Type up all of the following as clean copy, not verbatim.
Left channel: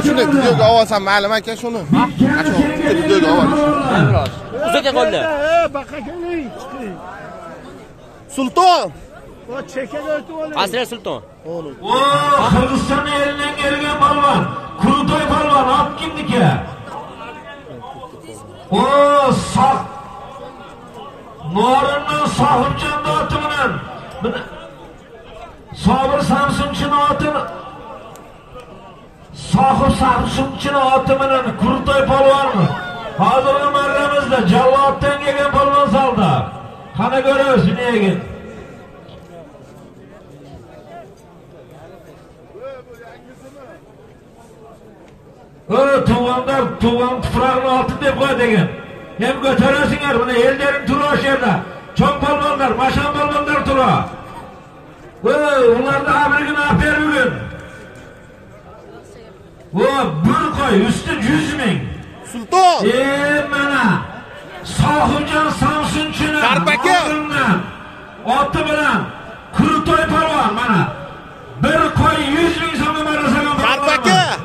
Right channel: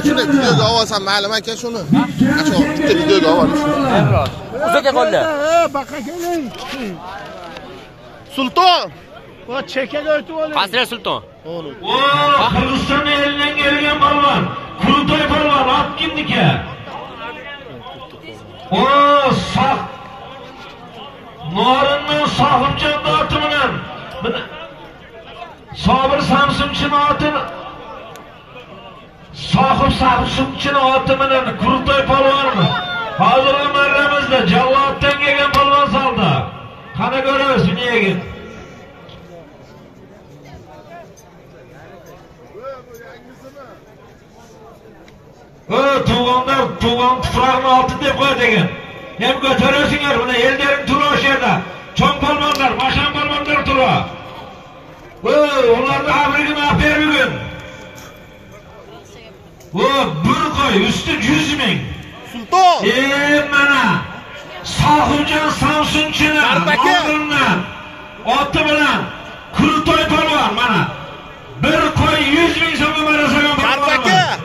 aka shuni videoga olsam ma'lum aka shuni. Acho bitta videoga olish. Emroz. Uzaga qo'llar. Baqa keling. Sulton. O chekaga o'tib oling. Qasri Sulton. O'g'lim. O Qirg'iziston elidan kelgan balvon. Qurultoy balvon ot kimniki? O saq. Norindan Sohibjon oti bilan. Sobir Samsunchini oti. Sohib Samsunchini oti bilan Qurultoy balvonmi? Hozirgi marramizda Jalloddan kelgan balvon saldi. Qani ko'ramiz niyaga. Tuğanlar, tuğan tuprağın altı dep koy degen. Hem götürürsünler bunu, ellerin turu o şerde. Çok balmanlar, maşan balmanlar turu. Onlar da haberine afer bir gün. Bir koy, üstü 100 bin. Sulton. Bana, Sohibjon Samsunchini oldimdan, oti bilan, Qurultoy polvon mana. Bir koy 100 bin so'mga barasagan polvon.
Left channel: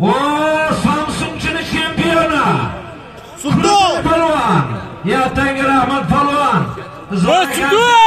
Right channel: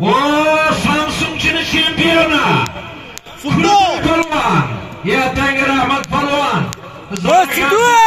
O Samsunchini chempioni. Sulton. Polvon. Ertangi rahmat polvon. Sulton.